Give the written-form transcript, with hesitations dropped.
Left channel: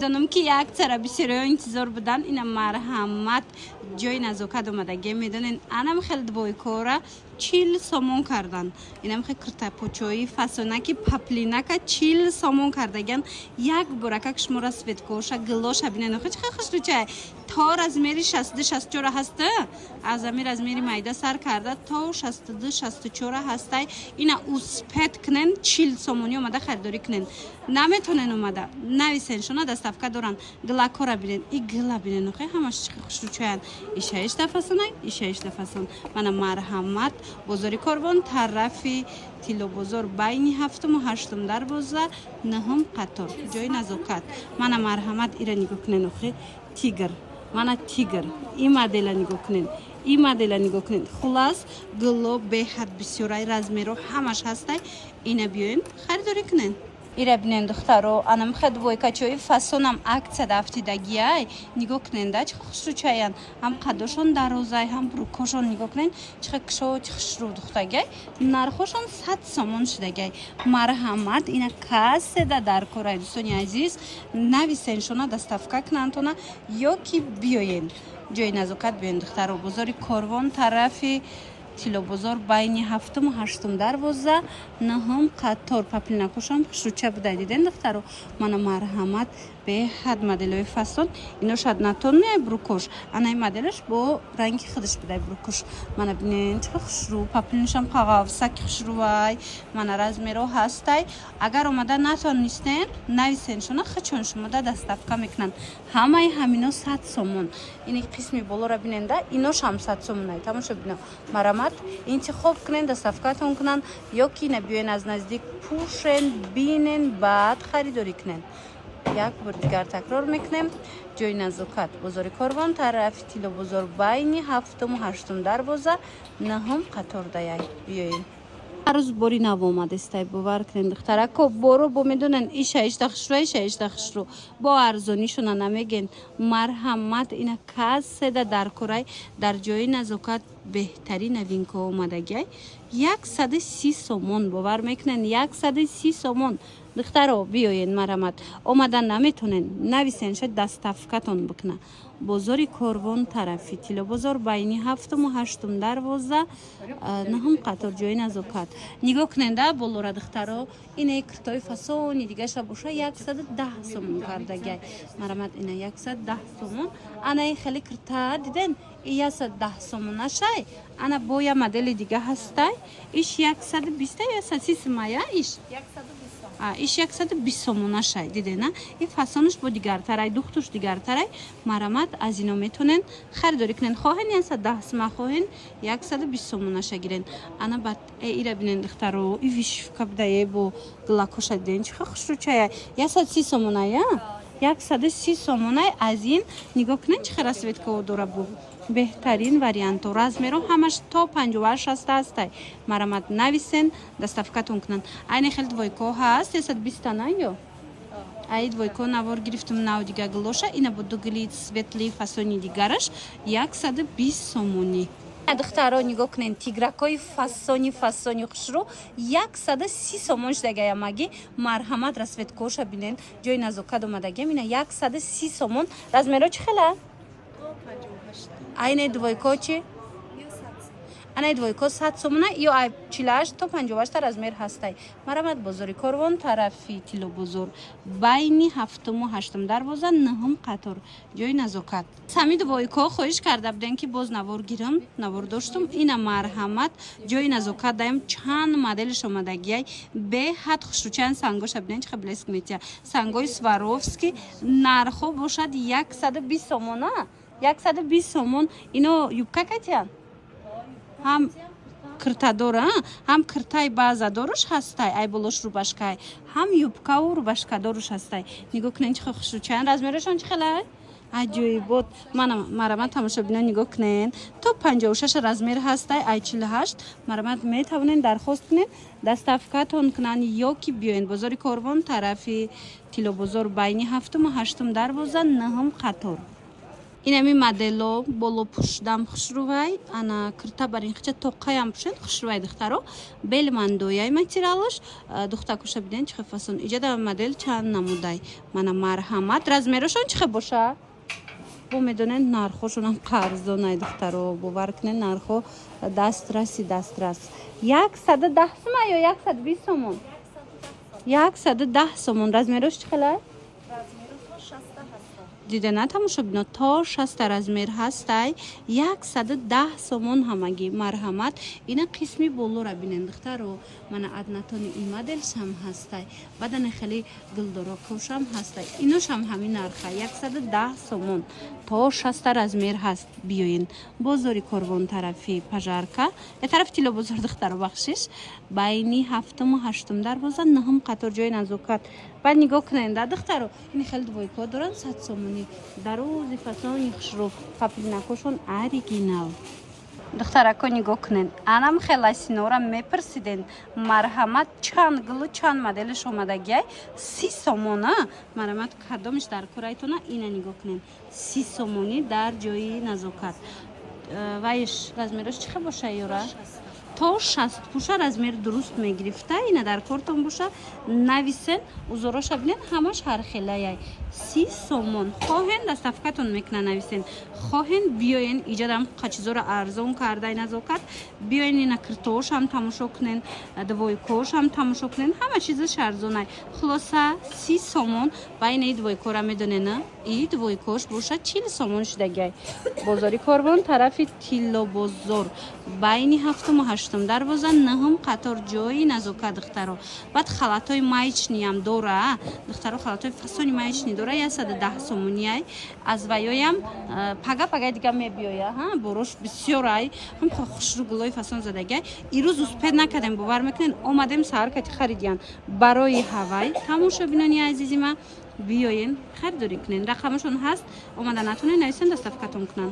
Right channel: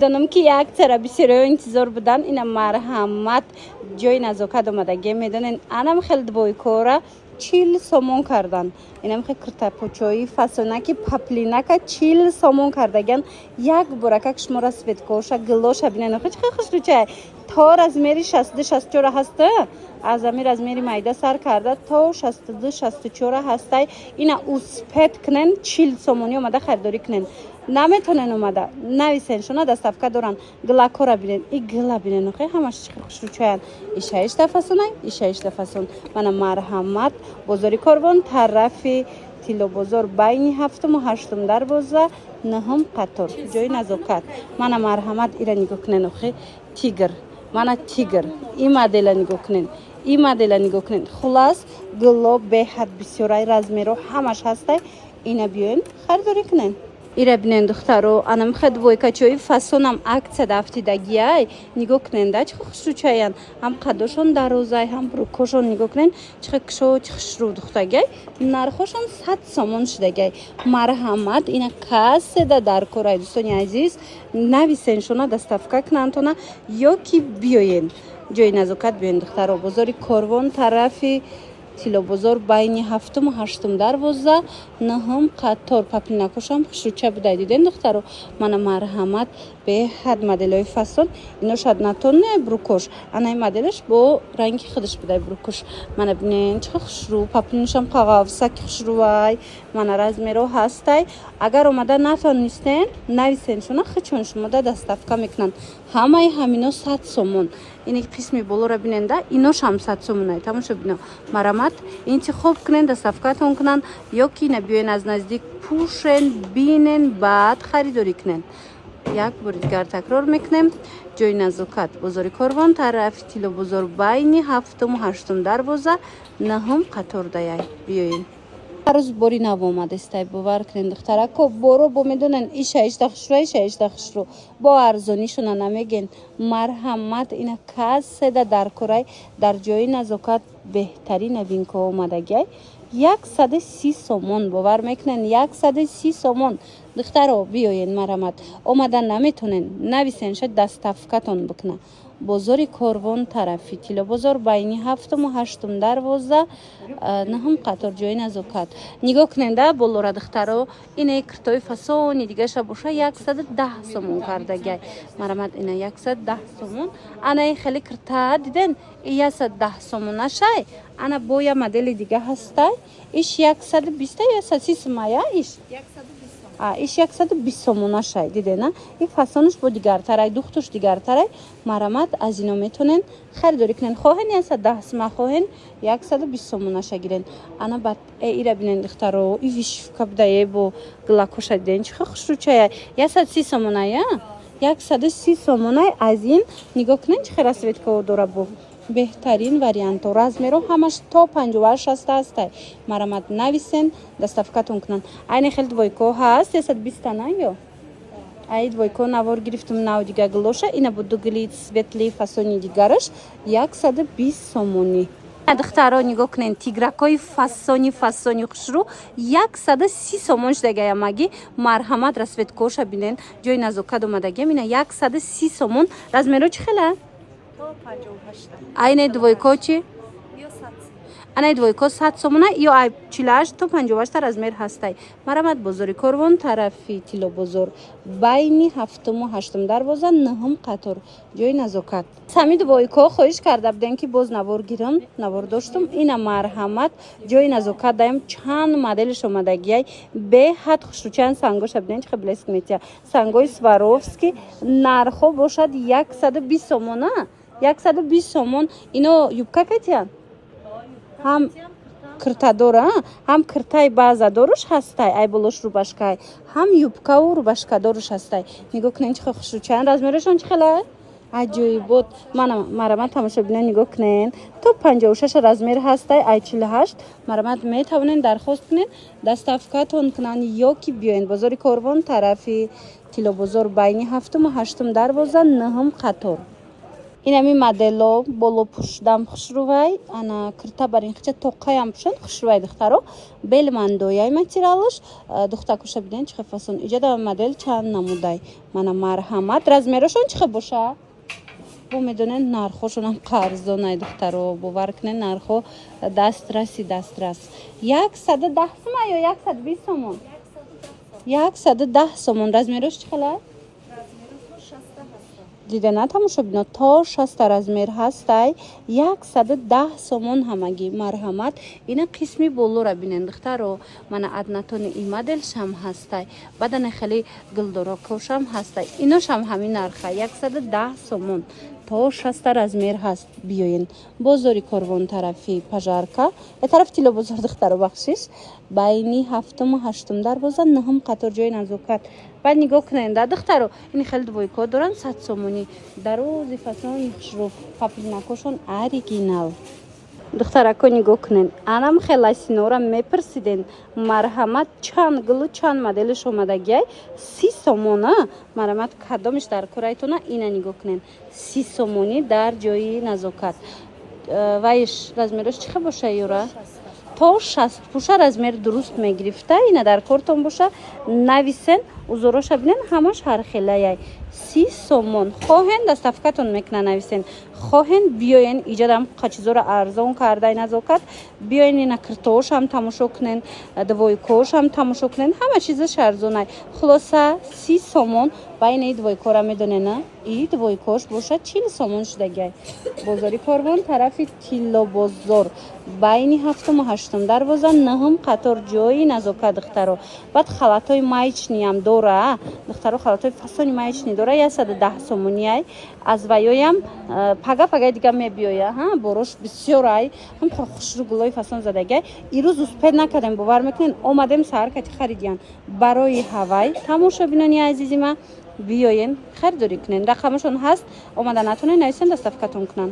دانم که یک سر بسیار انتظار بودن این مرحمت جای نزاکت آمدگی میدونین انم خیلی دوی کارا 40 سومون کردن اینم خیلی کرتا پوچوی فسونکی پپلینکا 40 سومون کردگن یک برکک شما را سفید کوشا گلوش بینن خیلی خوش روچه تار از میری 64 هسته از امیر از میری مایده سر کرده تا 64 هسته اینا اوسپت کنن 40 سومونی اومده خریداری کنن نمیتونن اومده نویسن شونا دستافکا دارن گلاکورا بینن ای گلا بینن خیلی همش خوش روچه ایشایش دفاسونه ایشایش دفاسون من مرحمت بزرگی کربون طرفی تیلو بزرگ بینی هفتم و هشتم در بوزه نهم قطار جای نزاکت من مرحمت ایرا نگاه کنن خیلی تیگر من تیگر این مدل نگاه کنن این مدل نگاه کنن خلاص گلو به حد بسیاری رزمیرو همش هسته اینا بیاین خریداری کنن ایره بینن دخترو انم خد وای کچوی فسونم عکس دفتیدگیای نگاه کنن ده چه خوش رو چاین هم قداشون دروزای هم بروکوشون نگاه کنن چه کشو چه خوش رو دختگی نرخوشون 100 سومون شدگی مرحمت اینا کاسه در کورای دوستانی عزیز نویسن شونا دستافکا کنن تونا یا کی بیاین جای نزاکت بیاین دخترو بزرگی کاروان طرفی تیلو بزرگ بین هفتم و هشتم در وزه نهم قطار پپلینکوشم خوشوچه بوده دیدن دخترو من مرحمت به حد مدلای فصل اینو شاید نتون میای بروکوش انای مدلش با رنگ خودش بوده بروکوش من ببینین چه خوش رو پپلینشم قاقاوسک خوش رو وای من راز میرو هستای اگر اومده نتون نیستن نویسن شونا خچون شما دستافکا میکنن همه همینا 100 سومون این قسمی بولو را بیننده اینوش هم 100 سومونه تماشا ببینم مرحمت این چه خوب کنن دستافکاتون کنن یا کی نبیاین از نزدیک پوشن بینن بعد خریداری کنن یک بار دیگر تکرار میکنم جای نزاکت بزرگ کاروان طرف تیلو بزرگ بین هفتم و هشتم در بوزه نهم قطار دایی بیاین روز باری نو اومده استای باور کنین دختره کو برو با میدونن ایشایش دخش رو با ارزونیشون نمیگن مرحمت اینا کاسه در کورای در جای نزاکت بهترین نوین که اومدگی 130 سومون باور میکنن 130 سومون دخترو بیاین مرحمت اومدن نمیتونن نویسن شد دستافکاتون بکنه بزرگ کاروان طرفی تیلو بزرگ بینی هفتم و هشتم در وزه نهم قطار جای نزاکت نگاه کننده بلورا دخترو اینه کرتوی فسونی دیگه شبوشه 110 سومون کردگی مرحمت اینه 110 سومون انا خیلی کرتا دیدن 110 سومون نشای انا بایا مدل دیگه هستای ایش 120 یا 130 مایا ایش 120 سومون شای دیده نه این فسانش با دیگر ترای دختوش دیگر ترای مرحمت از اینو میتونن خریداری کنن خواهن 110 سوم خواهن 120 سومون شای گیرن انا بعد ایرا بینن دخترو ای ویش کبدای با گلاکوش دیدن چه خوش رو چای 130 سومون یا 130 سومون از این نگاه کنن چه خیلی سویت که داره بو بهترین وریانت و رزمیرو همش تا 58 هسته مرحمت نویسن دستافکاتون کنن این خیلی دویکو هست 120 نه یا ای دویکو نوار گرفتم نو دیگه گلوشه اینا بود دو گلید سویتلی فسونی دیگرش 120 سومونی دخترها نگاه کنین تیگرکای فسونی خوش رو 130 سومون شدگه مگی مرحمت رسویت کوشه بینن جای نزاکت اومدگه اینه 130 سومون رزمیرو چه خیلی اینه دویکو چی؟ اینه دویکو 100 سومونه یا 48 تا 58 از میر هسته مرحمت بزرگ کاروان طرفی تیلو بزرگ بینی هفتم و هشتم در بازن نهم قطار جای نزاکت سمی دویکو خواهش کرده بودن که باز نوار گیرم نوار داشتم این مرحمت جای نزاکت دایم چند مدلش اومدگی به حد خوشوچن سنگوش بودن چه بلیسک میتیا سنگوی سواروفسکی نرخو باشد 120 سومونه 120 سومون اینو یوبکا کتیان هم کرتا داره هم کرتای بازا دارش هستای ای بلوش رو باشکای هم یوبکا و رو باشکا دارش هستای نگاه کنین چه خوش رو چند رزمیرشون چه خیلی عجیب بود من مرحمت تماشا بینن نگاه کنین تو 56 رزمیر هستای ای 48 مرحمت میتونین درخواست کنین دستافکاتون کنن یا کی بیاین بزرگ کاروان طرفی تیلو بزرگ بینی هفتم و هشتم در وزن نهم قطار инами модело боло пушдам хушрувай ана кирта барин хича тоқаям пушен хушрувай духтаро бели мандояй материалш духта куша биден чхе фасон иҷада модель чанд намудай мана марҳамат размерошон чхе боша бо медонен нархошонам қарзонай духтаро бовар кунен нархо дастраси 110 сомон ё 120 сомон 110 сомон размерош чхелай دیده نتماشا بنا تا 60 размер هسтай 110 сомон ҳамаги марҳамат ина қисми боло ра бинен духтаро мана аднатони ин модел шам ҳастай бадане хели гулдоро кошам ҳастай иношам ҳамин нарха 110 сомон то 60 размер ҳаст биёин бозори корвон тарафи пажарка е тарафи тило бозор духтаро бахшиш байни 7-ум 8-ум дарвоза 9-ум қатор ҷои назокат بعد نگاه کنین دخترو این خیلی دویکو دارن 100 سومونی دروزی فسانی خشرو تپلی نکوشون اوریجینال دخترکو نگاه کنین انم خیلی سینورا میپرسیدین مرحمت چند گلو چند مدلش اومدگی 30 سومونه مرحمت کدامش در کورایتونه اینا نگاه کنین 30 سومونی در جای نزاکت وایش размерش چه باشه یورا تا 60 پوشه размер درست میگرفته اینا در کارتون باشه нависен узороша бинен ҳамаш ҳархелаяй 30 сомон хоҳен дастафкатон мекунан нависен хоҳен биёен иҷадам қачизора арзон кардай назокат биёен ина киртоошам тамошо кунен двойкоошам тамошо кунен ҳама чизаш арзонай хулоса 30 сомон байни двойкора медонена и двойкош боша 40 сомон шудагай бозори корвон тарафи тилло бозор байни 7-ум 8-ум дарвоза 9-ум қатор ҷои назокат духтаро баъд халатои маечниам дора духтаро халатои фасони маечни дора 110 сомонияй аз ваёям пага дига мебиёя борош бисёрай ҳам хушру гулои фасон задагай ирӯз успед накардем бовар мекунен омадем саҳар харидиян барои ҳавай тамошо бинони азизима биёен харидорӣ кунен рақамашон ҳаст омада натонен нависен дастафкатон кунан